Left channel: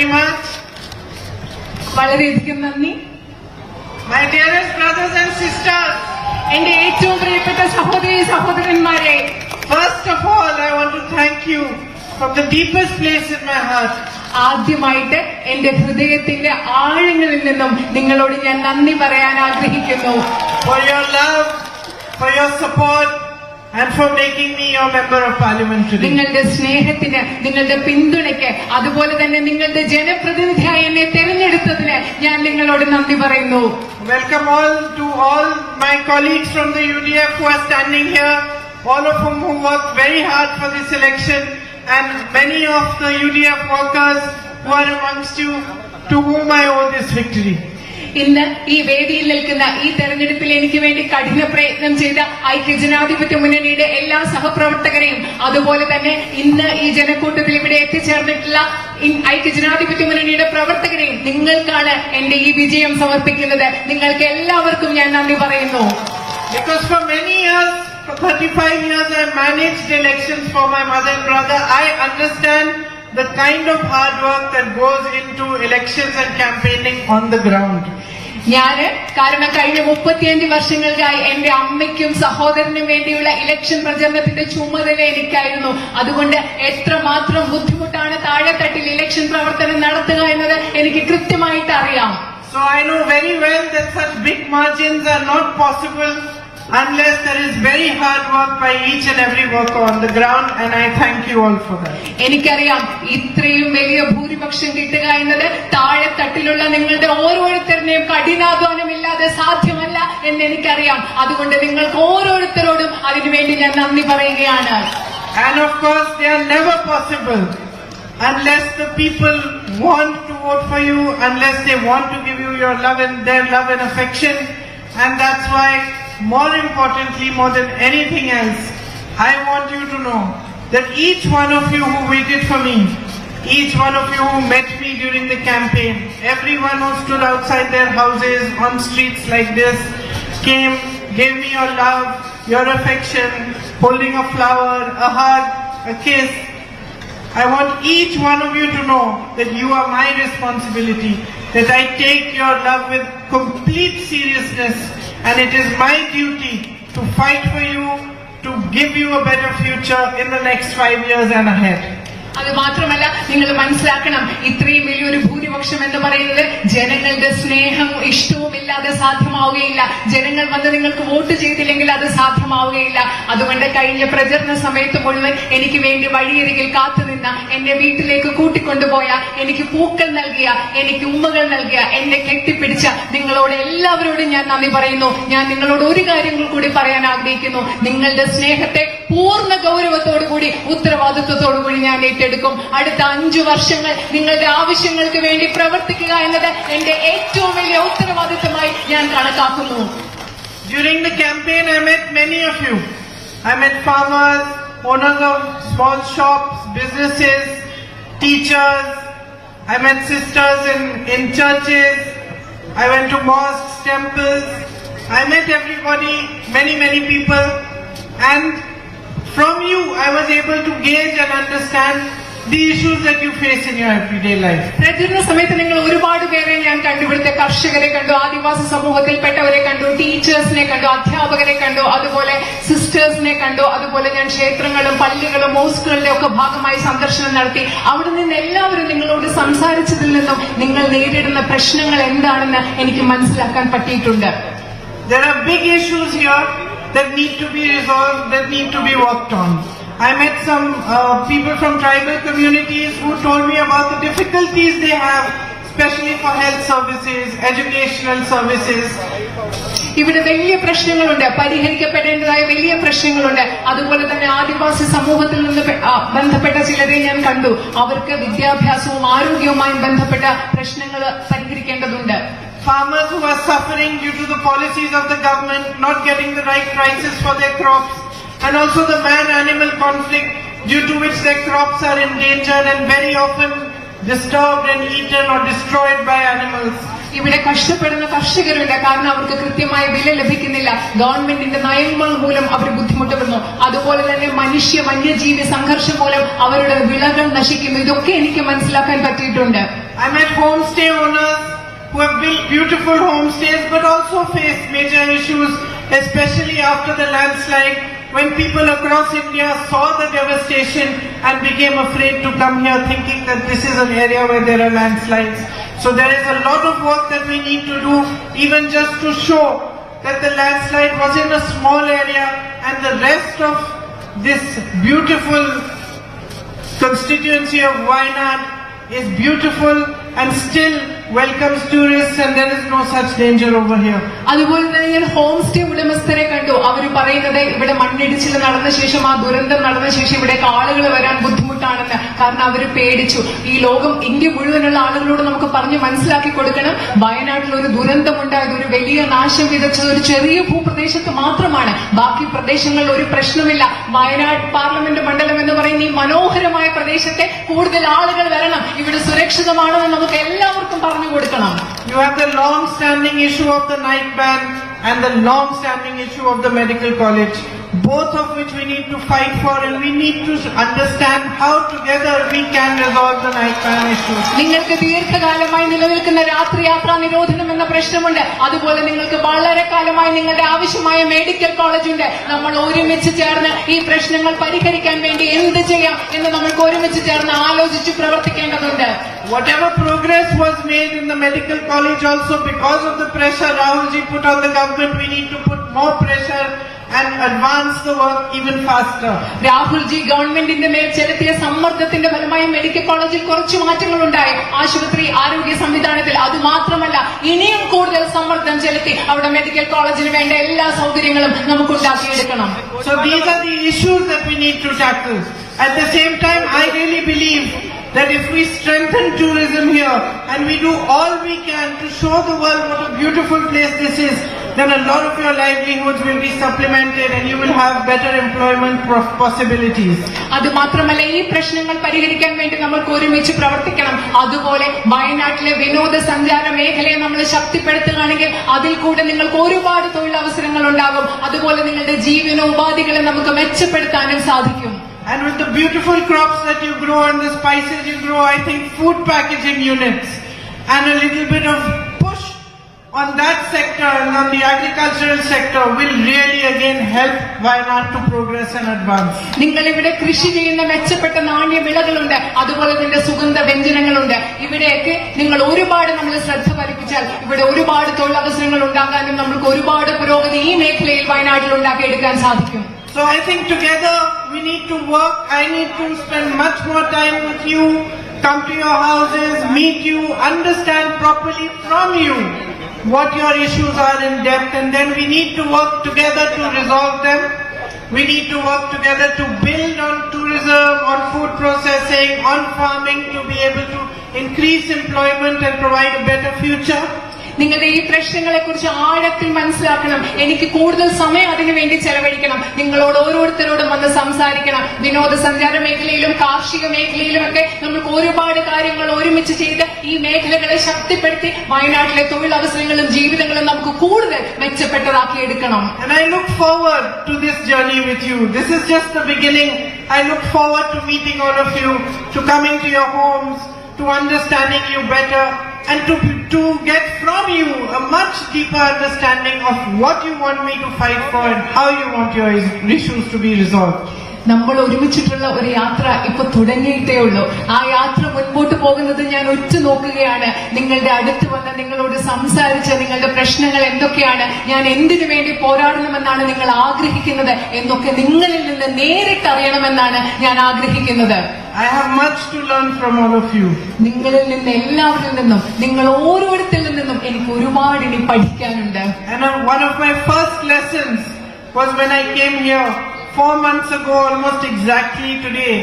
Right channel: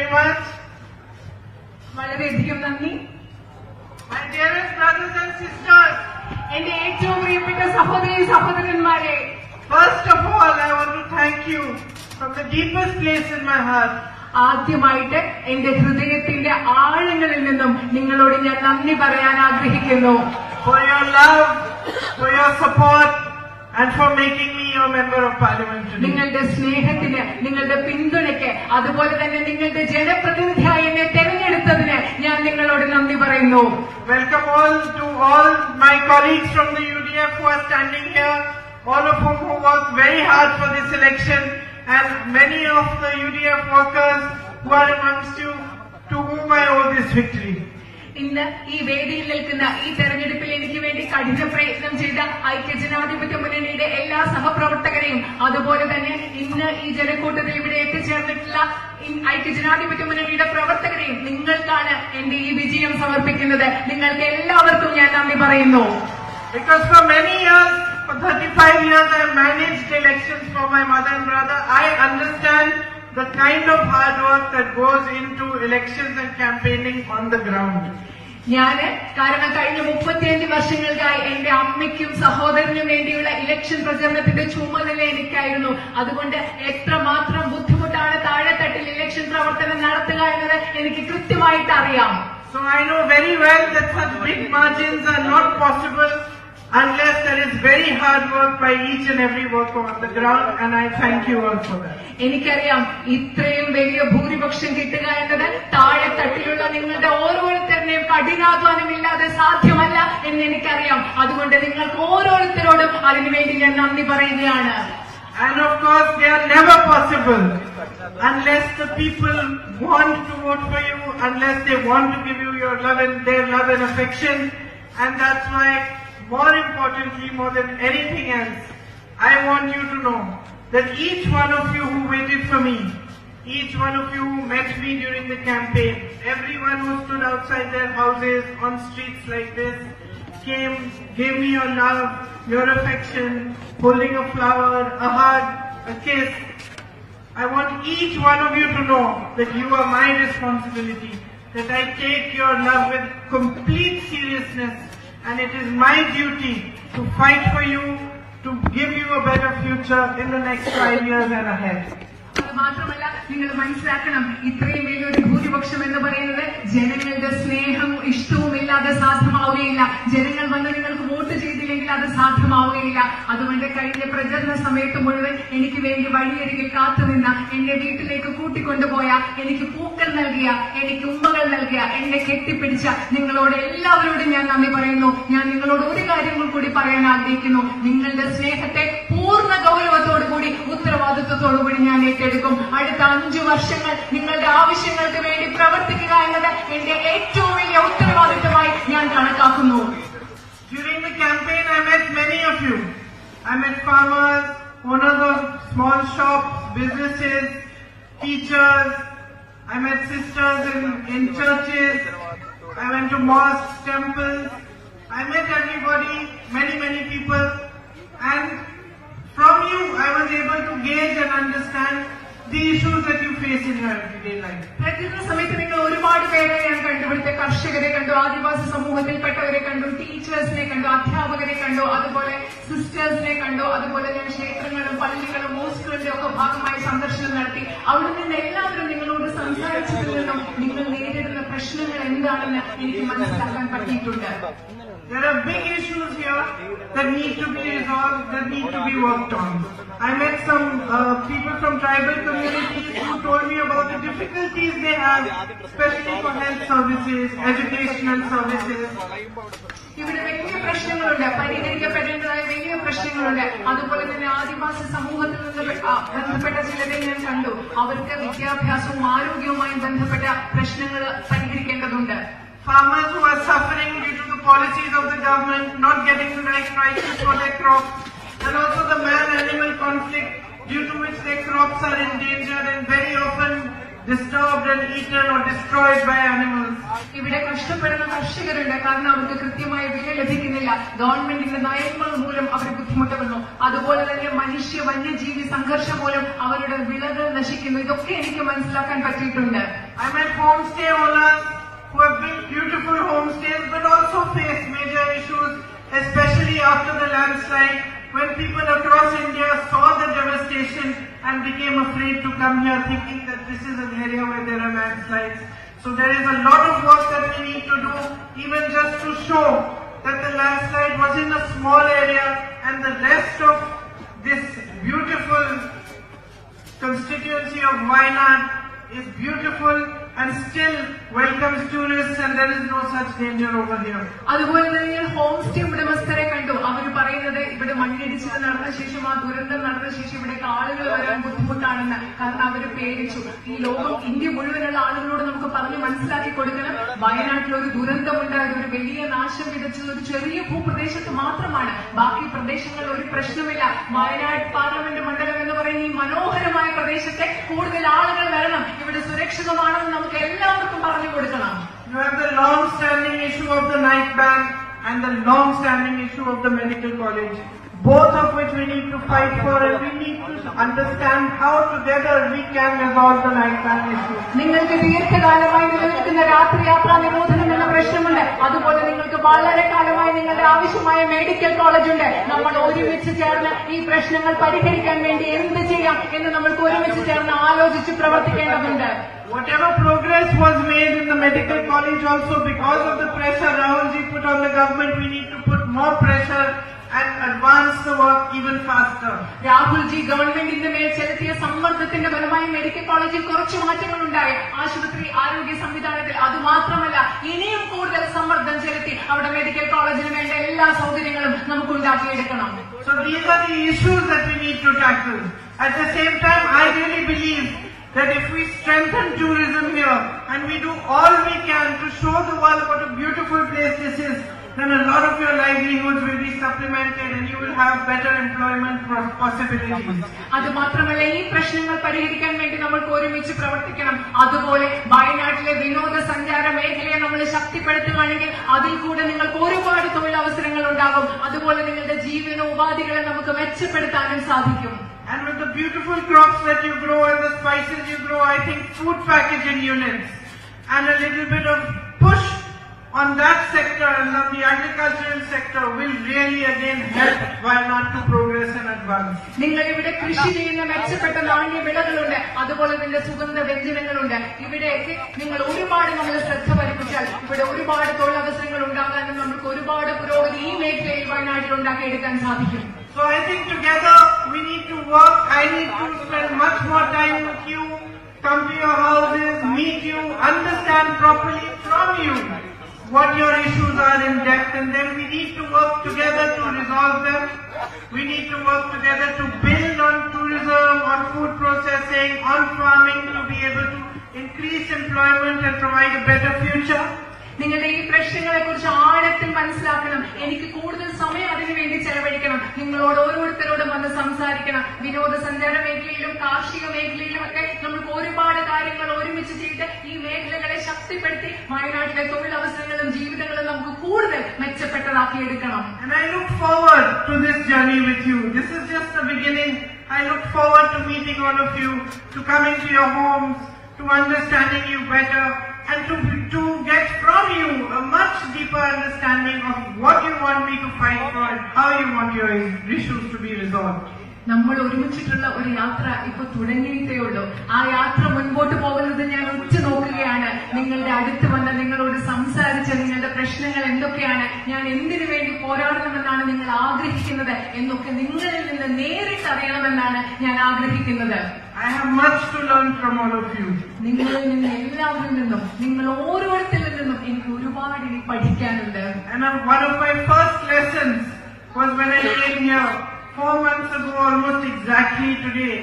very much. വളരെയധികം നന്ദി. My dearest brothers and sisters, എന്റെ ഏറ്റവും പ്രിയപ്പെട്ട സഹോദരി സഹോദരന്മാരെ, first of all, I want to thank you from the deepest place in my heart. ആദ്യമായിട്ട് എന്റെ ഹൃദയത്തിന്റെ ആഴങ്ങളിൽ നിന്നും നിങ്ങളോട് ഞാൻ നന്ദി പറയാൻ ആഗ്രഹിക്കുന്നു. For your love, for your support, and for making me your member of parliament today. നിങ്ങളുടെ സ്നേഹത്തിന്, നിങ്ങളുടെ പിന്തുണയ്ക്ക്, അതുപോലെ തന്നെ നിങ്ങളുടെ ജനപ്രതിനിധിയായി എന്നെ തെരഞ്ഞെടുത്തതിന് ഞാൻ നിങ്ങളോട് നന്ദി പറയുന്നു. Welcome to all my colleagues from the UDF who are standing here, all of whom who worked very hard for this election, and many of the UDF workers who are amongst you, to whom I owe this victory. ഇന്ന് ഈ വേദിയിൽ നിൽക്കുന്ന ഈ തെരഞ്ഞെടുപ്പിൽ എനിക്ക് വേണ്ടി കഠിന പ്രയത്നം ചെയ്ത ഐക്യജനാധിപത്യ മുന്നണിയുടെ എല്ലാ സഹപ്രവർത്തകരെയും, അതുപോലെ തന്നെ ഇന്ന് ഈ ജനക്കൂട്ടത്തിൽ ഇവിടെ എത്തിച്ചേർന്നിട്ടുള്ള ഐക്യജനാധിപത്യ മുന്നണിയുടെ പ്രവർത്തകരെയും നിങ്ങൾക്കാണ് എന്റെ ഈ വിജയം സമർപ്പിക്കുന്നത്. നിങ്ങൾക്ക് എല്ലാവർക്കും ഞാൻ നന്ദി പറയുന്നു. Because for many years, for 35 years, I managed elections for my mother and brother. I understand the kind of hard work that goes into elections and campaigning on the ground. കാരണം കഴിഞ്ഞ 35 വർഷങ്ങൾക്കായി എന്റെ അമ്മയ്ക്കും സഹോദരനും വേണ്ടിയുള്ള ഇലക്ഷൻ പ്രചരണത്തിന്റെ ചുമതല എനിക്കായിരുന്നു. അതുകൊണ്ട് എത്രമാത്രം ബുദ്ധിമുട്ടാണ് താഴെത്തട്ടിൽ ഇലക്ഷൻ പ്രവർത്തനം നടത്തുക എന്നത് എനിക്ക് കൃത്യമായിട്ട് അറിയാം. So I know very well that such big margins are not possible unless there is very hard work by each and every worker on the ground, and I thank you all for that. എനിക്കറിയാം ഇത്രയും വലിയ ഭൂരിപക്ഷം കിട്ടുക എന്നത് താഴെത്തട്ടിലുള്ള നിങ്ങളുടെ ഓരോരുത്തരുടെയും കഠിനാധ്വാനമില്ലാതെ സാധ്യമല്ല എന്ന് എനിക്കറിയാം. അതുകൊണ്ട് നിങ്ങൾക്ക് ഓരോരുത്തരോടും അതിനുവേണ്ടി ഞാൻ നന്ദി പറയുകയാണ്. And of course they are never possible unless the people want to vote for you, unless they want to give you your love and their love and affection. And that's why, more importantly, more than anything else, I want you to know that each one of you who waited for me, each one of you who met me during the campaign, everyone who stood outside their houses on streets like this, came, gave me your love, your affection, holding a flower, a hug, a kiss. I want each one of you to know that you are my responsibility, that I take your love with complete seriousness, and it is my duty to fight for you, to give you a better future in the next 5 years and ahead. അത് മാത്രമല്ല, നിങ്ങൾ മനസ്സിലാക്കണം, ഇത്രയും വലിയൊരു ഭൂരിപക്ഷം എന്ന് പറയുന്നത് ജനങ്ങളുടെ സ്നേഹം ഇഷ്ടവും ഇല്ലാതെ സാധ്യമാവുകയില്ല. ജനങ്ങൾ വന്ന് നിങ്ങൾക്ക് വോട്ട് ചെയ്തില്ലെങ്കിൽ അത് സാധ്യമാവുകയില്ല. അതുകൊണ്ട് കഴിഞ്ഞ പ്രചരണ സമയത്ത് മുഴുവൻ എനിക്ക് വേണ്ടി വഴിയരികിൽ കാത്തുനിന്ന, എന്നെ വീട്ടിലേക്ക് കൂട്ടിക്കൊണ്ടുപോയ, എനിക്ക് പൂക്കൾ നൽകിയ, എനിക്ക് ഉമ്മകൾ നൽകിയ, എന്നെ കെട്ടിപ്പിടിച്ച നിങ്ങളോട് എല്ലാവരോടും ഞാൻ നന്ദി പറയുന്നു. ഞാൻ നിങ്ങളോട് ഒരു കാര്യങ്ങൾ കൂടി പറയാൻ ആഗ്രഹിക്കുന്നു. നിങ്ങളുടെ സ്നേഹത്തെ പൂർണ്ണ ഗൗരവത്തോടുകൂടി, ഉത്തരവാദിത്വത്തോടുകൂടി ഞാൻ ഏറ്റെടുക്കും. അടുത്ത 5 വർഷങ്ങൾ നിങ്ങളുടെ ആവശ്യങ്ങൾക്ക് വേണ്ടി പ്രവർത്തിക്കുക എന്നത് എന്റെ ഏറ്റവും വലിയ ഉത്തരവാദിത്തമായി ഞാൻ കണക്കാക്കുന്നു. During the campaign, I met many of you. I met farmers, owners of small shops, businesses, teachers. I met sisters in churches. I went to mosques, temples. I met everybody, many people. And from you, I was able to gauge and understand the issues that you face in your everyday life. പ്രചരണ സമയത്ത് നിങ്ങൾ ഒരുപാട് പേരെ ഞാൻ കണ്ടു. ഇവിടുത്തെ കർഷകരെ കണ്ടു, ആദിവാസി സമൂഹത്തിൽപ്പെട്ടവരെ കണ്ടു, ടീച്ചേഴ്സിനെ കണ്ടു, അധ്യാപകരെ കണ്ടു, അതുപോലെ സിസ്റ്റേഴ്സിനെ കണ്ടു. അതുപോലെ ഞാൻ ക്ഷേത്രങ്ങളും പള്ളികളും മോസ്കുകളുടെ ഒക്കെ ഭാഗമായി സന്ദർശനം നടത്തി. അവിടെ നിന്ന് എല്ലാവരും നിങ്ങളോട് സംസാരിച്ചതിൽ നിന്നും നിങ്ങൾ നേരിടുന്ന പ്രശ്നങ്ങൾ എന്താണെന്ന് എനിക്ക് മനസ്സിലാക്കാൻ പറ്റിയിട്ടുണ്ട്. There are big issues here that need to be resolved, that need to be worked on. I met some people from tribal communities who told me about the difficulties they have, especially for health services, educational services. ഇവിടെ വലിയ പ്രശ്നങ്ങളുണ്ട്, പരിഹരിക്കപ്പെടേണ്ടതായ വലിയ പ്രശ്നങ്ങളുണ്ട്. അതുപോലെ തന്നെ ആദിവാസി സമൂഹത്തിൽ നിന്ന് ബന്ധപ്പെട്ട ചിലരെ ഞാൻ കണ്ടു. അവർക്ക് വിദ്യാഭ്യാസവും ആരോഗ്യവുമായും ബന്ധപ്പെട്ട പ്രശ്നങ്ങൾ പരിഹരിക്കേണ്ടതുണ്ട്. Farmers who are suffering due to the policies of the government, not getting the right prices for their crops, and also the man-animal conflict due to which their crops are endangered and very often disturbed and eaten or destroyed by animals. ഇവിടെ കഷ്ടപ്പെടുന്ന കർഷകരുണ്ട്, കാരണം അവർക്ക് കൃത്യമായ വില ലഭിക്കുന്നില്ല. ഗവൺമെന്റിന്റെ നയങ്ങൾ മൂലം അവർ ബുദ്ധിമുട്ടുന്നു. അതുപോലെ തന്നെ മനുഷ്യ വന്യജീവി സംഘർഷം മൂലം അവരുടെ വിളകൾ നശിക്കുന്നു. ഇതൊക്കെ എനിക്ക് മനസ്സിലാക്കാൻ പറ്റിയിട്ടുണ്ട്. I met homestay owners who have built beautiful homestays but also face major issues, especially after the landslide, when people across India saw the devastation and became afraid to come here, thinking that this is an area where there are landslides. So there is a lot of work that we need to do, even just to show that the landslide was in a small area and the rest of this beautiful constituency of Wayanad is beautiful and still welcomes tourists, and there is no such danger over here. അതുപോലെ തന്നെ ഞാൻ home stay ഉടമസ്ഥരെ കണ്ടു. അവർ പറയുന്നത് ഇവിടെ മണ്ണിടിച്ചിൽ നടന്ന ശേഷം, ആ ദുരന്തം നടന്ന ശേഷം ഇവിടേക്ക് ആളുകൾ വരാൻ ബുദ്ധിമുട്ടാണെന്ന്. കാരണം അവർ പേടിച്ചു. ഈ ലോകം, ഇന്ത്യ മുഴുവനുള്ള ആളുകളോട് നമുക്ക് പറഞ്ഞ് മനസ്സിലാക്കി കൊടുക്കണം, വയനാട്ടിൽ ഒരു ദുരന്തമുണ്ടായത്, ഒരു വലിയ നാശം വിതച്ചത് ഒരു ചെറിയ ഭൂപ്രദേശത്ത് മാത്രമാണ്. ബാക്കി പ്രദേശങ്ങളിൽ ഒരു പ്രശ്നമില്ല. വയനാട് പാർലമെന്റ് മണ്ഡലം എന്ന് പറയുന്ന ഈ മനോഹരമായ പ്രദേശത്തെ കൂടുതൽ ആളുകൾ വരണം, ഇവിടെ സുരക്ഷിതമാണെന്ന് നമുക്ക് എല്ലാവർക്കും പറഞ്ഞു കൊടുക്കണം. You have the long-standing issue of the night ban and the long-standing issue of the medical college, both of which we need to fight for, and we need to understand how together we can resolve the night ban issue. നിങ്ങൾക്ക് ദീർഘകാലമായി നിലനിൽക്കുന്ന രാത്രി യാത്രാ നിരോധനം എന്ന പ്രശ്നമുണ്ട്. അതുപോലെ നിങ്ങൾക്ക് വളരെ കാലമായി നിങ്ങളുടെ ആവശ്യമായ മെഡിക്കൽ കോളേജ് ഉണ്ട്. നമ്മൾ ഒരുമിച്ച് ചേർന്ന് ഈ പ്രശ്നങ്ങൾ പരിഹരിക്കാൻ വേണ്ടി എന്ത് ചെയ്യാം എന്ന് നമ്മൾക്ക് ഒരുമിച്ച് ചേർന്ന് ആലോചിച്ച് പ്രവർത്തിക്കേണ്ടതുണ്ട്. Whatever progress was made in the medical college also, because of the pressure Rahulji put on the government, we need to put more pressure and advance the work even faster. Rahulji ഗവൺമെന്റിന്റെ മേൽ ചെലുത്തിയ സമ്മർദ്ദത്തിന്റെ ഫലമായി മെഡിക്കൽ കോളേജിൽ കുറച്ച് മാറ്റങ്ങൾ ഉണ്ടായി, ആശുപത്രി ആരോഗ്യ സംവിധാനത്തിൽ. അതുമാത്രമല്ല, ഇനിയും കൂടുതൽ സമ്മർദ്ദം ചെലുത്തി അവിടെ മെഡിക്കൽ കോളേജിന് വേണ്ട എല്ലാ സൗകര്യങ്ങളും നമുക്ക് ഉണ്ടാക്കിയെടുക്കണം. So these are the issues that we need to tackle. At the same time, I really believe that if we strengthen tourism here and we do all we can to show the world what a beautiful place this is, then a lot of your livelihoods will be supplemented and you will have better employment possibilities. അത് മാത്രമല്ല, ഈ പ്രശ്നങ്ങൾ പരിഹരിക്കാൻ വേണ്ടി നമ്മൾക്ക് ഒരുമിച്ച് പ്രവർത്തിക്കണം. അതുപോലെ വയനാട്ടിലെ വിനോദസഞ്ചാര മേഖലയെ നമ്മൾ ശക്തിപ്പെടുത്തുകയാണെങ്കിൽ അതിൽ കൂടെ നിങ്ങൾക്ക് ഒരുപാട് തൊഴിലവസരങ്ങൾ ഉണ്ടാകും. അതുപോലെ നിങ്ങളുടെ ജീവനോപാധികളെ നമുക്ക് മെച്ചപ്പെടുത്താനും സാധിക്കും. And with the beautiful crops that you grow and the spices you grow, I think food packaging units and a little bit of push on that sector and on the agricultural sector will really again help Wayanad to progress and advance. നിങ്ങൾ ഇവിടെ കൃഷി ചെയ്യുന്ന മെച്ചപ്പെട്ട നാണ്യ വിളകളുണ്ട്, അതുപോലെ തന്നെ സുഗന്ധ വ്യഞ്ജനങ്ങളുണ്ട്. ഇവിടെയൊക്കെ നിങ്ങൾ ഒരുപാട് നമ്മൾ ശ്രദ്ധ പതിപ്പിച്ചാൽ ഇവിടെ ഒരുപാട് തൊഴിലവസരങ്ങൾ ഉണ്ടാകാനും നമുക്ക് ഒരുപാട് പുരോഗതി ഈ മേഖലയിൽ വയനാട്ടിൽ ഉണ്ടാക്കിയെടുക്കാൻ സാധിക്കും. So I think together we need to work. I need to spend much more time with you, come to your houses, meet you, understand properly from you what your issues are in depth, and then we need to work together to resolve them. We need to work together to build on tourism, on food processing, on farming, to be able to increase employment and provide a better future. നിങ്ങളുടെ ഈ പ്രശ്നങ്ങളെ കുറിച്ച് ആഴത്തിൽ മനസ്സിലാക്കണം. എനിക്ക് കൂടുതൽ സമയം അതിനു വേണ്ടി ചെലവഴിക്കണം. നിങ്ങളോട് ഓരോരുത്തരോടും വന്ന് സംസാരിക്കണം. വിനോദസഞ്ചാര മേഖലയിലും കാർഷിക മേഖലയിലും ഒക്കെ നമുക്ക് ഒരുപാട് കാര്യങ്ങൾ ഒരുമിച്ച് ചെയ്ത് ഈ മേഖലകളെ ശക്തിപ്പെടുത്തി വയനാട്ടിലെ തൊഴിലവസരങ്ങളും ജീവിതങ്ങളും നമുക്ക് കൂടുതൽ മെച്ചപ്പെട്ടതാക്കിയെടുക്കണം. And I look forward to this journey with you. This is just the beginning. I look forward to meeting all of you, to coming to your homes, to understanding you better, and to get from you a much deeper understanding of what you want me to fight for and how you want your issues to be resolved. നമ്മൾ ഒരുമിച്ചിട്ടുള്ള ഒരു യാത്ര ഇപ്പൊ തുടങ്ങിയിട്ടേ ഉള്ളൂ. ആ യാത്ര മുൻപോട്ട് പോകുന്നത് ഞാൻ ഉറ്റുനോക്കുകയാണ്. നിങ്ങളുടെ അടുത്ത് വന്ന് നിങ്ങളോട് സംസാരിച്ച് നിങ്ങളുടെ പ്രശ്നങ്ങൾ എന്തൊക്കെയാണ്, ഞാൻ എന്തിനു വേണ്ടി പോരാടണമെന്നാണ് നിങ്ങൾ ആഗ്രഹിക്കുന്നത് എന്നൊക്കെ നിങ്ങളിൽ നിന്ന് നേരിട്ട് അറിയണമെന്നാണ് ഞാൻ ആഗ്രഹിക്കുന്നത്. I have much to learn from all of you. നിങ്ങളിൽ നിന്ന് എല്ലാവരിൽ നിന്നും, നിങ്ങൾ ഓരോരുത്തരിൽ നിന്നും എനിക്ക് ഒരുപാട് ഇനി പഠിക്കാനുണ്ട്. And one of my first lessons was when I came here 4 months ago, almost exactly today,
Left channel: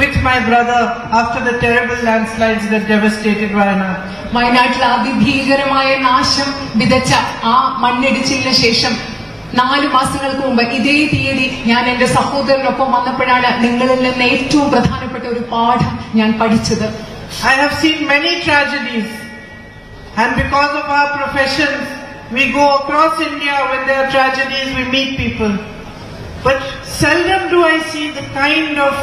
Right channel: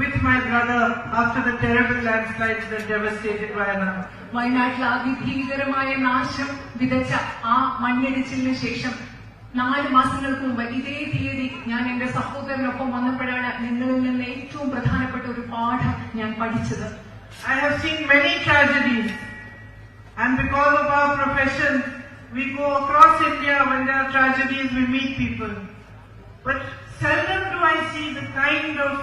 with my brother after the terrible landslides that devastated Wayanad. വയനാട്ടിൽ അതിഭീകരമായ നാശം വിതച്ച ആ മണ്ണിടിച്ചിലിന് ശേഷം 4 മാസങ്ങൾക്ക് മുമ്പ് ഇതേ തീയതി ഞാൻ എന്റെ സഹോദരനൊപ്പം വന്നപ്പോഴാണ് നിങ്ങളിൽ നിന്ന് ഏറ്റവും പ്രധാനപ്പെട്ട ഒരു പാഠം ഞാൻ പഠിച്ചത്. I have seen many tragedies, And because of our professions, we go across India when there are tragedies, we meet people. But seldom do I see the kind of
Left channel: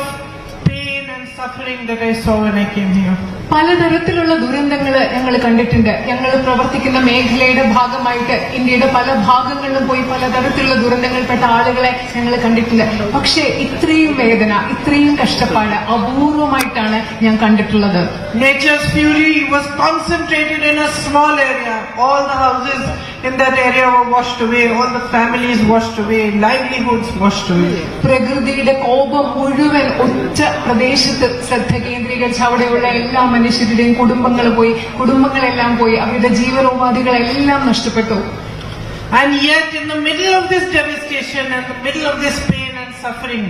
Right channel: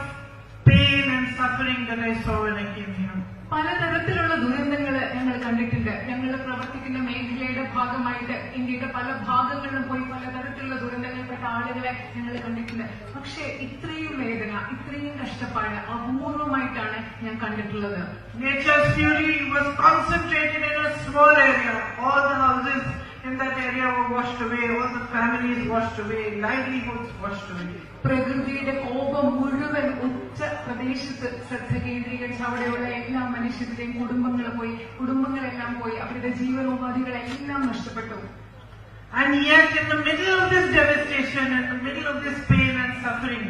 pain and suffering that I saw when I came here. പലതരത്തിലുള്ള ദുരന്തങ്ങൾ ഞങ്ങൾ കണ്ടിട്ടുണ്ട്. ഞങ്ങൾ പ്രവർത്തിക്കുന്ന മേഖലയുടെ ഭാഗമായിട്ട് ഇന്ത്യയുടെ പല ഭാഗങ്ങളിലും പോയി പലതരത്തിലുള്ള ദുരന്തങ്ങളിൽപ്പെട്ട ആളുകളെ ഞങ്ങൾ കണ്ടിട്ടുണ്ട്. പക്ഷേ ഇത്രയും വേദന, ഇത്രയും കഷ്ടപ്പാട് അപൂർവമായിട്ടാണ് ഞാൻ കണ്ടിട്ടുള്ളത്. Nature's fury was concentrated in a small area. All the houses in that area were washed away. All the families washed away. Livelihoods washed away. പ്രകൃതിയുടെ കോപം മുഴുവൻ ഒറ്റ പ്രദേശത്ത് ശ്രദ്ധ കേന്ദ്രീകരിച്ച് അവിടെയുള്ള എല്ലാ മനുഷ്യരുടെയും കുടുംബങ്ങളെല്ലാം പോയി, അവരുടെ ജീവനോപാധികളെല്ലാം നഷ്ടപ്പെട്ടു. And yet in the middle of this devastation, in the middle of this pain and suffering,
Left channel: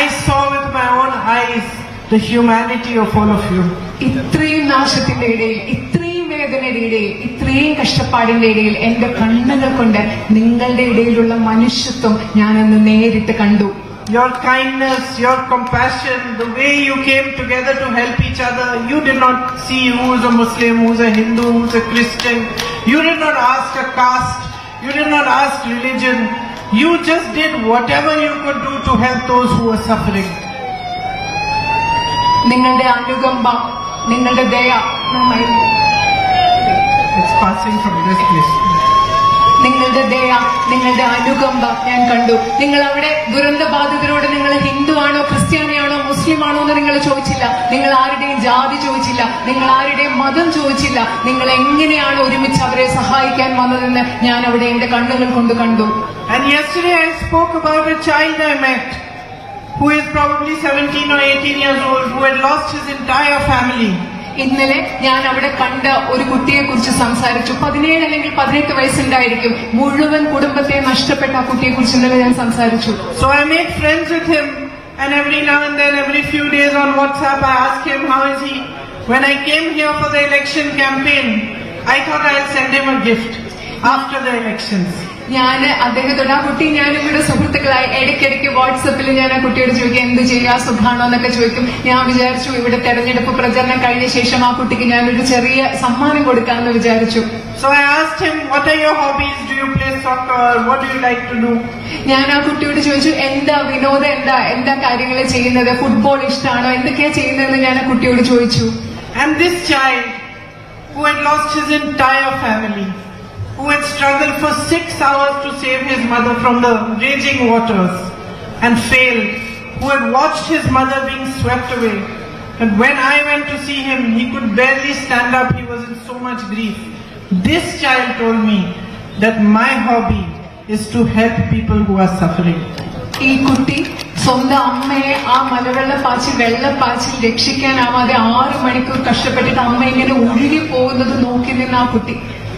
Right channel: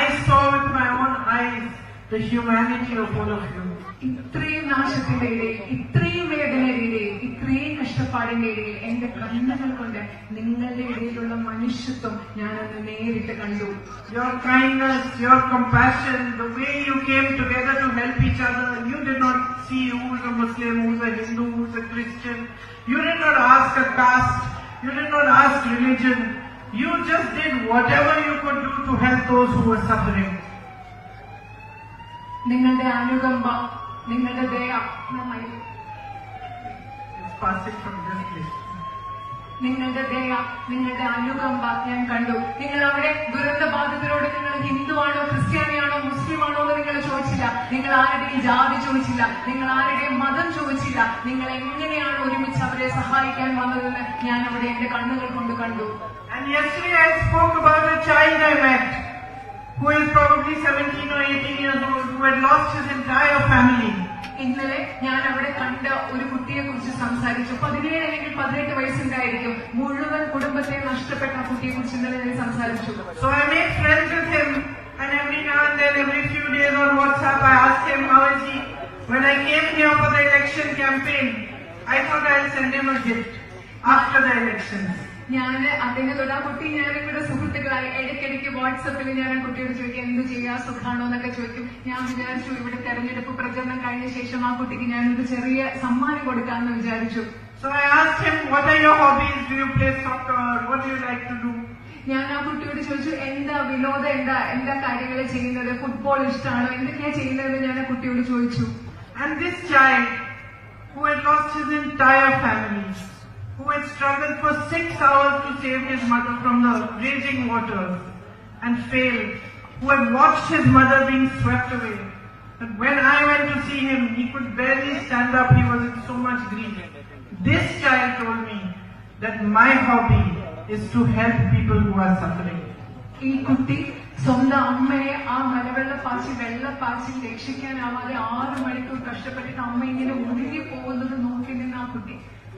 I saw with my own eyes the humanity of all of you. ഇത്രയും നാശത്തിന്റെ ഇടയിൽ, ഇത്രയും വേദനയുടെ ഇടയിൽ, ഇത്രയും കഷ്ടപ്പാടിന്റെ ഇടയിൽ എന്റെ കണ്ണുകൾ കൊണ്ട് നിങ്ങളുടെ ഇടയിലുള്ള മനുഷ്യത്വം ഞാനന്ന് നേരിട്ട് കണ്ടു. Your kindness, your compassion, the way you came together to help each other. You did not see who's a Muslim, who's a Hindu, who's a Christian. You did not ask a caste. You did not ask religion. You just did whatever you could do to help those who were suffering. നിങ്ങളുടെ അനുകമ്പ, നിങ്ങളുടെ ദയ, It's passing from this place. നിങ്ങളുടെ ദയ, നിങ്ങളുടെ അനുകമ്പ ഞാൻ കണ്ടു. നിങ്ങൾ അവിടെ ദുരന്തബാധിതരോട് നിങ്ങൾ ഹിന്ദു ആണോ, ക്രിസ്ത്യാനിയാണോ, മുസ്ലിം ആണോ എന്ന് നിങ്ങൾ ചോദിച്ചില്ല. നിങ്ങൾ ആരുടെയും ജാതി ചോദിച്ചില്ല. നിങ്ങൾ ആരുടെയും മതം ചോദിച്ചില്ല. നിങ്ങൾ എങ്ങനെയാണ് ഒരുമിച്ച് അവരെ സഹായിക്കാൻ വന്നതെന്ന് ഞാൻ അവിടെ എന്റെ കണ്ണുകൾ കൊണ്ട് കണ്ടു. And yesterday I spoke about a child I met who is probably 17 or 18 years old, who had lost his entire family. ഇന്നലെ ഞാൻ അവിടെ കണ്ട ഒരു കുട്ടിയെ കുറിച്ച് സംസാരിച്ചു. 17 അല്ലെങ്കിൽ 18 വയസ്സുണ്ടായിരിക്കും. മുഴുവൻ കുടുംബത്തെ നഷ്ടപ്പെട്ട ആ കുട്ടിയെ കുറിച്ച് ഇന്നലെ ഞാൻ സംസാരിച്ചു. So I made friends with him, and every now and then, every few days on WhatsApp, I asked him how is he. When I came here for the election campaign, I thought I'll send him a gift after the elections. ഞാൻ അദ്ദേഹത്തോട്, ആ കുട്ടി ഞാനും ഇവിടെ സുഹൃത്തുക്കളായി ഇടയ്ക്കിടയ്ക്ക് വാട്സപ്പിൽ ഞാൻ ആ കുട്ടിയോട് ചോദിക്കും എന്ത് ചെയ്യാ, സുഖാണോ എന്നൊക്കെ ചോദിക്കും. ഞാൻ വിചാരിച്ചു ഇവിടെ തെരഞ്ഞെടുപ്പ് പ്രചരണം കഴിഞ്ഞ ശേഷം ആ കുട്ടിക്ക് ഞാനൊരു ചെറിയ സമ്മാനം കൊടുക്കാമെന്ന് വിചാരിച്ചു. So I asked him, what are your hobbies? Do you play soccer? What do you like to do? ഞാൻ ആ കുട്ടിയോട് ചോദിച്ചു എന്താ വിനോദം, എന്താ കാര്യങ്ങൾ ചെയ്യുന്നത്, ഫുട്ബോൾ ഇഷ്ടമാണോ, എന്തൊക്കെയാ ചെയ്യുന്നതെന്ന് ഞാൻ ആ കുട്ടിയോട് ചോദിച്ചു. And this child who had lost his entire family, who had struggled for 6 hours to save his mother from the raging waters and failed, who had watched his mother being swept away. And when I went to see him, he could barely stand up, he was in so much grief. This child told me that my hobby is to help people who are suffering. ഈ കുട്ടി സ്വന്തം അമ്മയെ ആ വെള്ളപ്പാച്ചിൽ രക്ഷിക്കാനാവാതെ 6 മണിക്കൂർ കഷ്ടപ്പെട്ടിട്ട് അമ്മ ഇങ്ങനെ ഒഴുകി പോകുന്നത് നോക്കി നിന്ന ആ കുട്ടി,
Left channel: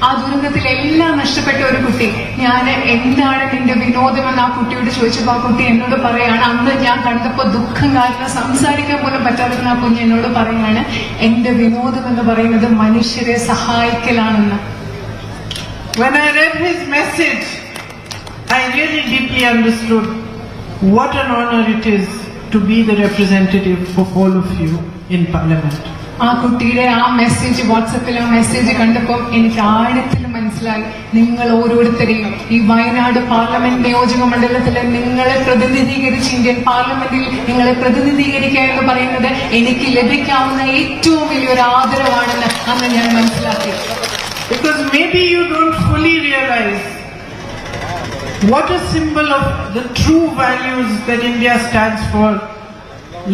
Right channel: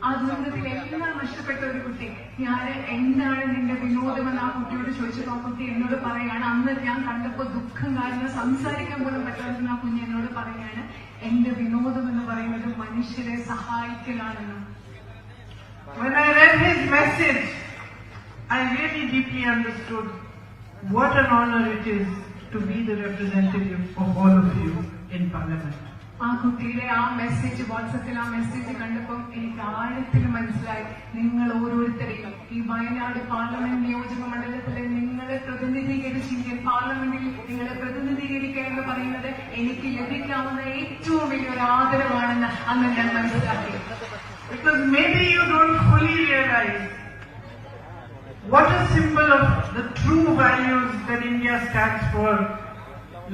ആ ദുരന്തത്തിൽ എല്ലാം നഷ്ടപ്പെട്ട ഒരു കുട്ടി. ഞാൻ എന്താണ് നിന്റെ വിനോദമെന്ന് ആ കുട്ടിയോട് ചോദിച്ചപ്പോൾ ആ കുട്ടി എന്നോട് പറയാണ്, അന്ന് ഞാൻ കണ്ടപ്പോ ദുഃഖം കാരണം സംസാരിക്കാൻ പോലും പറ്റാതെ ആ കുഞ്ഞ് എന്നോട് പറയാണ് എന്റെ വിനോദം എന്ന് പറയുന്നത് മനുഷ്യരെ സഹായിക്കലാണെന്ന്. When I read his message, I really deeply understood what an honor it is to be the representative of all of you in Parliament. ആ കുട്ടിയുടെ ആ മെസ്സേജ്, വാട്സപ്പിലെ ആ മെസ്സേജ് കണ്ടപ്പോൾ എനിക്ക് ആഴത്തിൽ മനസ്സിലായി, നിങ്ങൾ ഓരോരുത്തരെയും ഈ വയനാട് പാർലമെന്റ് നിയോജക മണ്ഡലത്തിലെ നിങ്ങളെ പ്രതിനിധീകരിച്ച് ഇന്ത്യൻ പാർലമെന്റിൽ നിങ്ങളെ പ്രതിനിധീകരിക്കുക എന്ന് പറയുന്നത് എനിക്ക് ലഭിക്കാവുന്ന ഏറ്റവും വലിയൊരു ആദരവാണെന്ന് അന്ന് ഞാൻ മനസ്സിലാക്കി. Because maybe you don't fully realize what a symbol of the true values that India stands for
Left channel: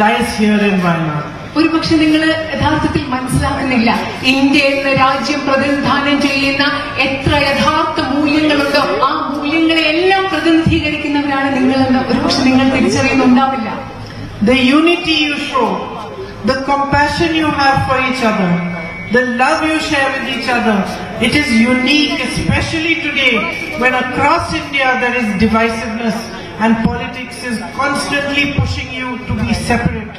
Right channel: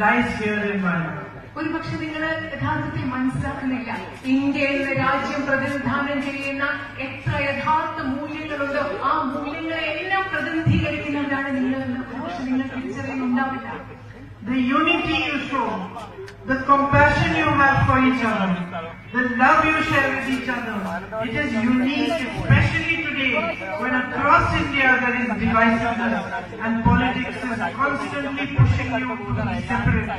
lies here in Wayanad. ഒരുപക്ഷെ നിങ്ങൾ യഥാർത്ഥത്തിൽ മനസ്സിലാക്കുന്നില്ല, ഇന്ത്യ എന്ന രാജ്യം പ്രതിനിധാനം ചെയ്യുന്ന എത്ര യഥാർത്ഥ മൂല്യങ്ങളുണ്ടോ ആ മൂല്യങ്ങളെ എല്ലാം പ്രതിനിധീകരിക്കുന്നവരാണ് നിങ്ങളെന്ന് ഒരുപക്ഷെ നിങ്ങൾ തിരിച്ചറിയുന്നുണ്ടാവില്ല. The unity you show, the compassion you have for each other, the love you share with each other, it is unique, especially today when across India there is divisiveness and politics is constantly pushing you to be separate,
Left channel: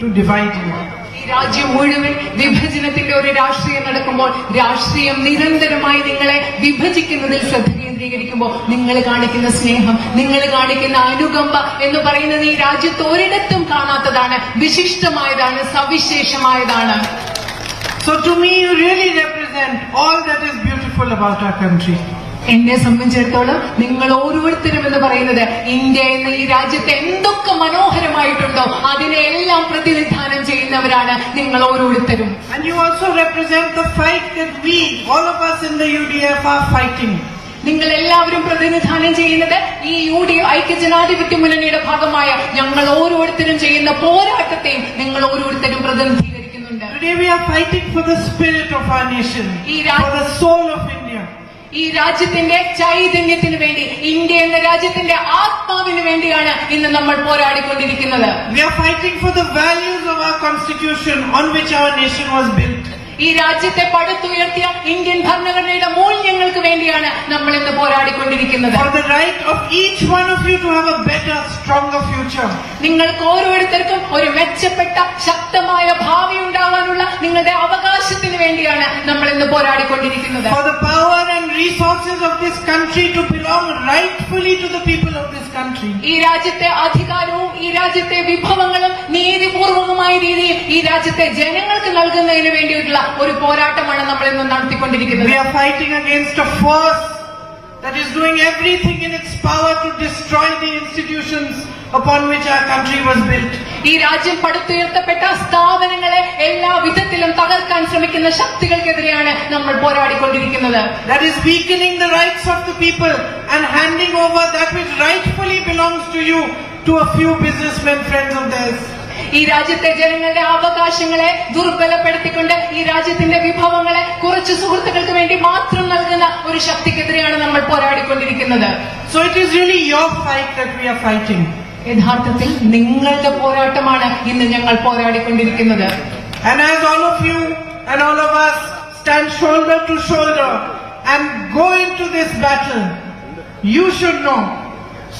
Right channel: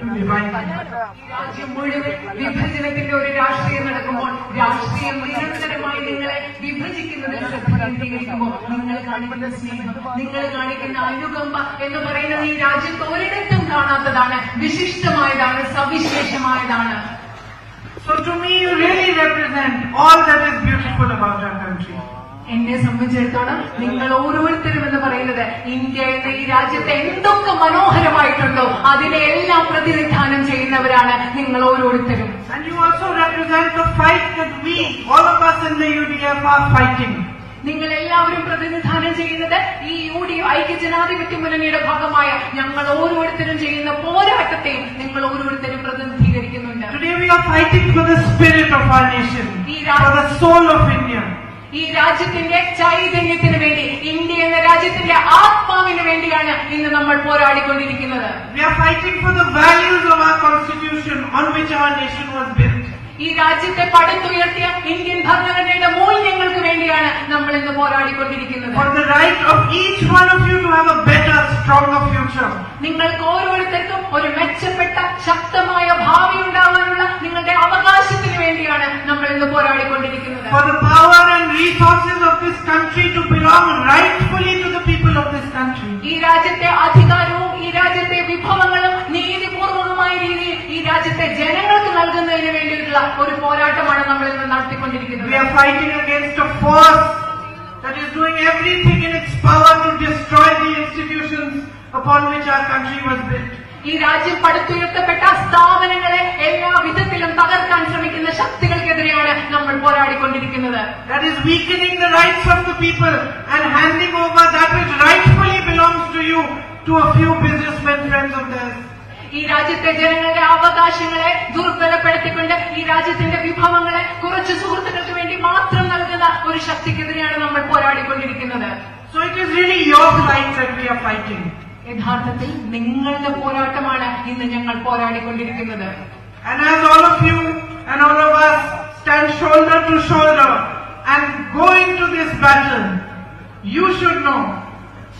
to divide you. ഈ രാജ്യം മുഴുവൻ വിഭജനത്തിന്റെ ഒരു രാഷ്ട്രീയം നടക്കുമ്പോൾ, രാഷ്ട്രീയം നിരന്തരമായി നിങ്ങളെ വിഭജിക്കുന്നതിൽ ശ്രദ്ധ കേന്ദ്രീകരിക്കുമ്പോൾ നിങ്ങൾ കാണിക്കുന്ന സ്നേഹം, നിങ്ങൾ കാണിക്കുന്ന അനുകമ്പ എന്ന് പറയുന്നത് ഈ രാജ്യത്ത് ഒരിടത്തും കാണാത്തതാണ്, വിശിഷ്ടമായതാണ്, സവിശേഷമായതാണ്. So to me, you really represent all that is beautiful about our country. എന്നെ സംബന്ധിച്ചിടത്തോളം നിങ്ങൾ ഓരോരുത്തരും എന്ന് പറയുന്നത് ഇന്ത്യ എന്ന ഈ രാജ്യത്തെ എന്തൊക്കെ മനോഹരമായിട്ടുണ്ടോ അതിനെല്ലാം പ്രതിനിധാനം ചെയ്യുന്നവരാണ് നിങ്ങൾ ഓരോരുത്തരും. And you also represent the fight that we, all of us in the UDF, are fighting. നിങ്ങൾ എല്ലാവരും പ്രതിനിധാനം ചെയ്യുന്നത് ഈ UDF ഐക്യജനാധിപത്യ മുന്നണിയുടെ ഭാഗമായ ഞങ്ങൾ ഓരോരുത്തരും ചെയ്യുന്ന പോരാട്ടത്തെയും നിങ്ങൾ ഓരോരുത്തരും പ്രതിനിധീകരിക്കുന്നുണ്ട്. Today we are fighting for the spirit of our nation, for the soul of India. ഈ രാജ്യത്തിന്റെ ചൈതന്യത്തിന് വേണ്ടി, ഇന്ത്യ എന്ന രാജ്യത്തിന്റെ ആത്മാവിന് വേണ്ടിയാണ് ഇന്ന് നമ്മൾ പോരാടിക്കൊണ്ടിരിക്കുന്നത്. We are fighting for the values of our constitution on which our nation was built. ഈ രാജ്യത്തെ പടുത്തുയർത്തിയ ഇന്ത്യൻ ഭരണഘടനയുടെ മൂല്യങ്ങൾക്ക് വേണ്ടിയാണ് നമ്മൾ ഇന്ന് പോരാടിക്കൊണ്ടിരിക്കുന്നത്. For the right of each one of you to have a better, stronger future. നിങ്ങൾക്ക് ഓരോരുത്തർക്കും ഒരു മെച്ചപ്പെട്ട ശക്തമായ ഭാവി ഉണ്ടാവാനുള്ള നിങ്ങളുടെ അവകാശത്തിന് വേണ്ടിയാണ് നമ്മൾ ഇന്ന് പോരാടിക്കൊണ്ടിരിക്കുന്നത്. For the power and resources of this country to belong rightfully to the people of this country. ഈ രാജ്യത്തെ അധികാരവും ഈ രാജ്യത്തെ വിഭവങ്ങളും നീതിപൂർവകമായ രീതിയിൽ ഈ രാജ്യത്തെ ജനങ്ങൾക്ക് നൽകുന്നതിന് വേണ്ടിയിട്ടുള്ള ഒരു പോരാട്ടമാണ് നമ്മൾ ഇന്ന് നടത്തിക്കൊണ്ടിരിക്കുന്നത്. We are fighting against a force that is doing everything in its power to destroy the institutions upon which our country was built. ഈ രാജ്യം പടുത്തുയർത്തപ്പെട്ട സ്ഥാപനങ്ങളെ എല്ലാ വിധത്തിലും തകർക്കാൻ ശ്രമിക്കുന്ന ശക്തികൾക്കെതിരെയാണ് നമ്മൾ പോരാടിക്കൊണ്ടിരിക്കുന്നത്. That is weakening the rights of the people and handing over that which rightfully belongs to you to a few businessmen friends of theirs. ഈ രാജ്യത്തെ ജനങ്ങളുടെ അവകാശങ്ങളെ ദുർബലപ്പെടുത്തിക്കൊണ്ട് ഈ രാജ്യത്തിന്റെ വിഭവങ്ങളെ കുറച്ച് സുഹൃത്തുക്കൾക്ക് വേണ്ടി മാത്രം നൽകുന്ന ഒരു ശക്തിക്കെതിരെയാണ് നമ്മൾ പോരാടിക്കൊണ്ടിരിക്കുന്നത്. So it is really your fight that we are fighting. യഥാർത്ഥത്തിൽ നിങ്ങളുടെ പോരാട്ടമാണ് ഇന്ന് ഞങ്ങൾ പോരാടിക്കൊണ്ടിരിക്കുന്നത്. And as all of you and all of us stand shoulder to shoulder and go into this battle, you should know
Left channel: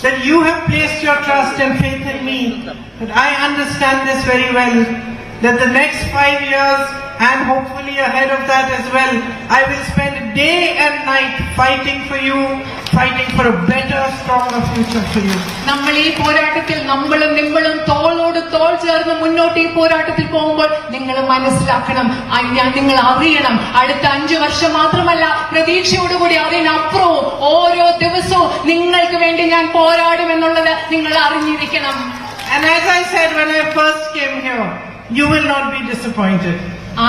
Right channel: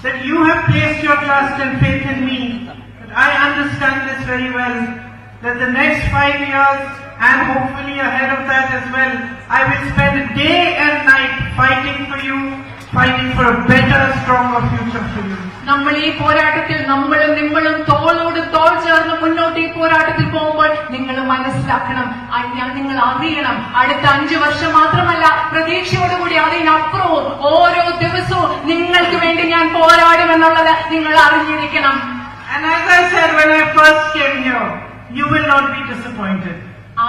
that you have placed your trust and faith in me, that I understand this very well, that the next 5 years and hopefully ahead of that as well, I will spend day and night fighting for you, fighting for a better, stronger future for you. നമ്മൾ ഈ പോരാട്ടത്തിൽ നമ്മളും നിങ്ങളും തോളോട് തോൾ ചേർന്ന് മുന്നോട്ട് ഈ പോരാട്ടത്തിൽ പോകുമ്പോൾ നിങ്ങൾ മനസ്സിലാക്കണം, നിങ്ങൾ അറിയണം, അടുത്ത 5 വർഷം മാത്രമല്ല പ്രതീക്ഷയോടുകൂടി അതിനപ്പുറവും ഓരോ ദിവസവും നിങ്ങൾക്ക് വേണ്ടി ഞാൻ പോരാടുമെന്നുള്ളത് നിങ്ങൾ അറിഞ്ഞിരിക്കണം. And as I said when I first came here, you will not be disappointed.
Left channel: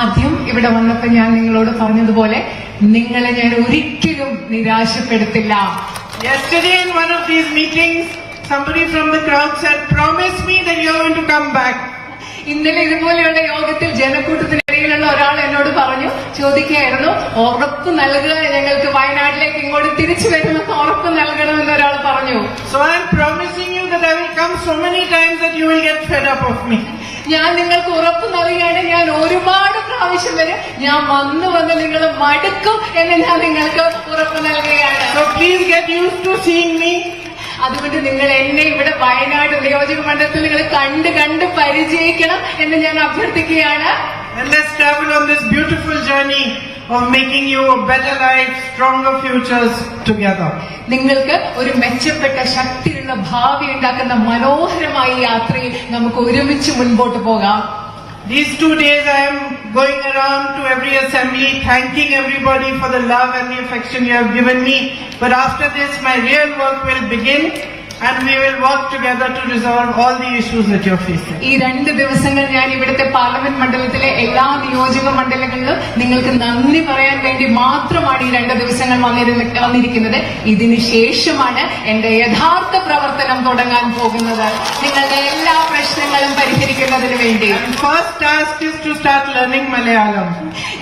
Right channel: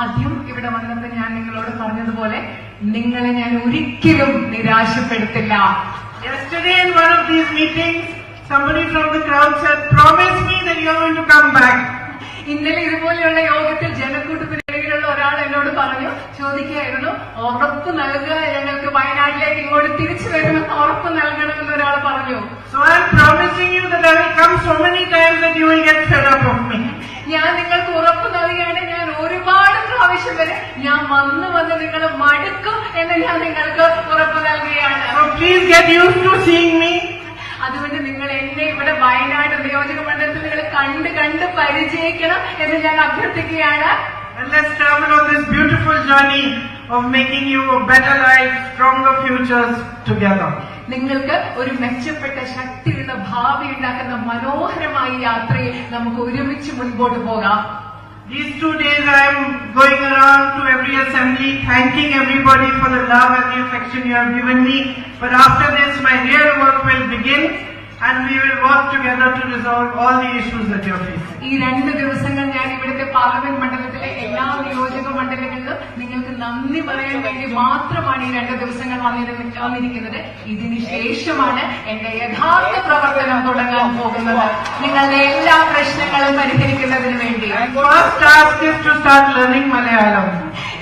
ആദ്യം ഇവിടെ വന്നപ്പോൾ ഞാൻ നിങ്ങളോട് പറഞ്ഞതുപോലെ നിങ്ങളെ ഞാൻ ഒരിക്കലും നിരാശപ്പെടുത്തില്ല. Yesterday in one of these meetings, somebody from the crowd said, "Promise me that you are going to come back." ഇന്നലെ ഇതുപോലെയുള്ള യോഗത്തിൽ ജനക്കൂട്ടത്തിനിടയിലുള്ള ഒരാൾ എന്നോട് ചോദിക്കുകയായിരുന്നു, ഉറപ്പ് നൽകുക, ഞങ്ങൾക്ക് വയനാട്ടിലേക്ക് ഇങ്ങോട്ട് തിരിച്ചു വരുമെന്ന് ഉറപ്പ് നൽകണമെന്ന് ഒരാൾ പറഞ്ഞു. So I am promising you that I will come so many times that you will get fed up of me. ഞാൻ നിങ്ങൾക്ക് ഉറപ്പ് നൽകുകയാണ്, ഞാൻ ഒരുപാട് പ്രാവശ്യം വരെ ഞാൻ വന്ന് നിങ്ങൾ മടുക്കും എന്ന് ഞാൻ നിങ്ങൾക്ക് ഉറപ്പ് നൽകുകയാണ്. So please get used to seeing me. അതുകൊണ്ട് നിങ്ങൾ എന്നെ ഇവിടെ വയനാട് നിയോജക മണ്ഡലത്തിൽ നിങ്ങൾ കണ്ട് പരിചയിക്കണം എന്ന് ഞാൻ അഭ്യർത്ഥിക്കുകയാണ്. And let's travel on this beautiful journey of making you a better life, stronger futures together. നിങ്ങൾക്ക് ഒരു മെച്ചപ്പെട്ട ശക്തിയുള്ള ഭാവി ഉണ്ടാക്കുന്ന മനോഹരമായ യാത്രയിൽ നമുക്ക് ഒരുമിച്ച് മുൻപോട്ട് പോകാം. These 2 days I am going around to every assembly thanking everybody for the love and the affection you have given me. But after this my real work will begin and we will work together to resolve all the issues that you are facing. ഈ 2 ദിവസങ്ങൾ ഞാൻ ഇവിടുത്തെ parliament മണ്ഡലത്തിലെ എല്ലാ നിയോജക മണ്ഡലങ്ങളിലും നിങ്ങൾക്ക് നന്ദി പറയാൻ വേണ്ടി മാത്രമാണ് ഈ 2 ദിവസങ്ങൾ വന്നിരിക്കുന്നത്. ഇതിന് ശേഷമാണ് എന്റെ യഥാർത്ഥ പ്രവർത്തനം തുടങ്ങാൻ പോകുന്നത്, നിങ്ങളുടെ എല്ലാ പ്രശ്നങ്ങളും പരിഹരിക്കുന്നതിന് വേണ്ടി. First task is to start learning Malayalam.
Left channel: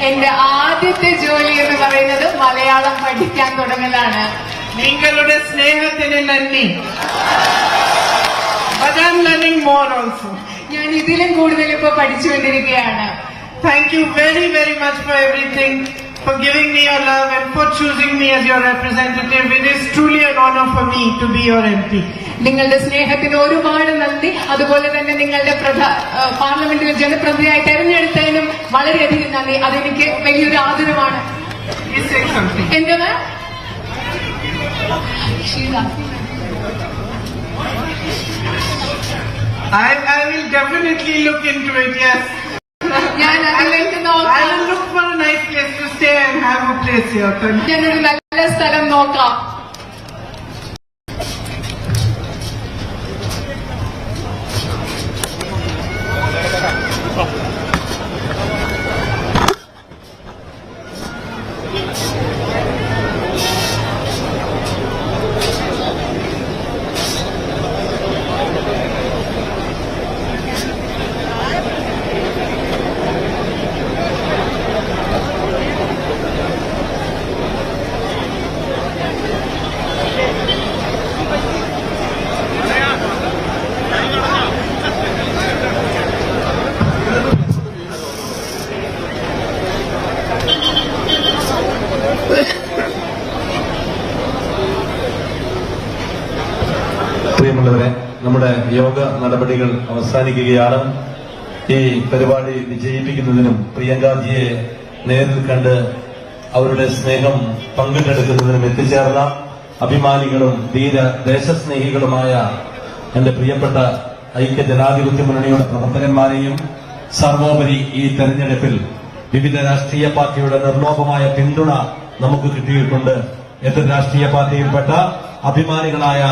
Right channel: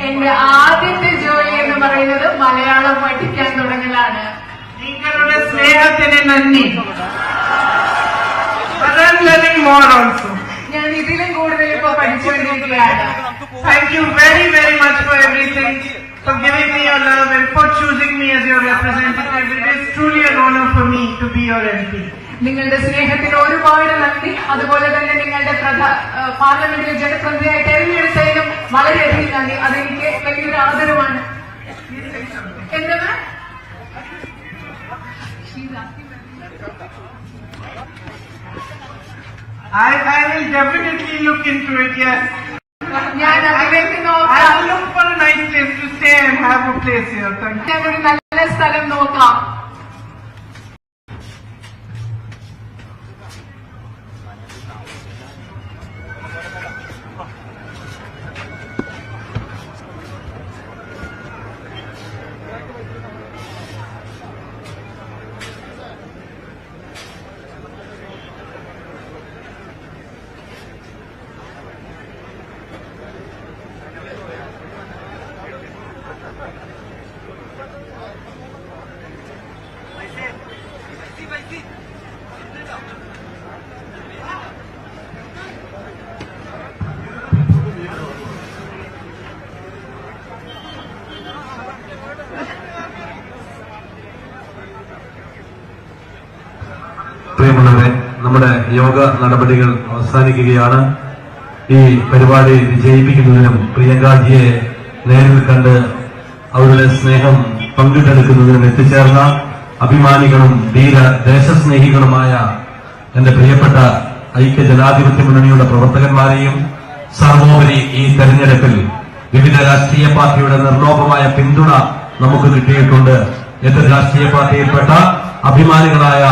എന്റെ ആദ്യത്തെ ജോലി എന്ന് പറയുന്നത് മലയാളം പഠിക്കാൻ തുടങ്ങലാണ്. നിങ്ങളുടെ സ്നേഹത്തിന് നന്ദി. But I am learning more also. ഞാൻ ഇതിലും കൂടുതൽ ഇപ്പൊ പഠിച്ചുകൊണ്ടിരിക്കുകയാണ്. Thank you very, very much for everything, for giving me your love and for choosing me as your representative. It is truly an honor for me to be your MP. നിങ്ങളുടെ സ്നേഹത്തിന് ഒരുപാട് നന്ദി. അതുപോലെ തന്നെ നിങ്ങളുടെ പാർലമെന്റിലെ ജനപ്രതിനിധിയായി തെരഞ്ഞെടുത്തതിനും വളരെയധികം നന്ദി. അതെനിക്ക് വലിയൊരു ആദരവാണ്. എന്താണ് I will definitely look into it, yes. ഞാൻ അതിലേക്ക് I will look place here. Thank you. ഞാനൊരു നല്ല സ്ഥലം നോക്കാം. പ്രിയമുള്ളവരെ, നമ്മുടെ യോഗ നടപടികൾ അവസാനിക്കുകയാണ്. ഈ പരിപാടി വിജയിപ്പിക്കുന്നതിനും പ്രിയങ്കാജിയെ നേരിൽ കണ്ട് അവരുടെ സ്നേഹം പങ്കിട്ടെടുക്കുന്നതിനും എത്തിച്ചേർന്ന അഭിമാനികളും ധീര ദേശസ്നേഹികളുമായ എന്റെ പ്രിയപ്പെട്ട ഐക്യ ജനാധിപത്യ മുന്നണിയുടെ പ്രവർത്തകന്മാരെയും സർവോപരി ഈ തെരഞ്ഞെടുപ്പിൽ വിവിധ രാഷ്ട്രീയ പാർട്ടിയുടെ നിർലോഭമായ പിന്തുണ നമുക്ക് കിട്ടിയിട്ടുണ്ട്. എതിർ രാഷ്ട്രീയ പാർട്ടിയിൽപ്പെട്ട അഭിമാനികളായ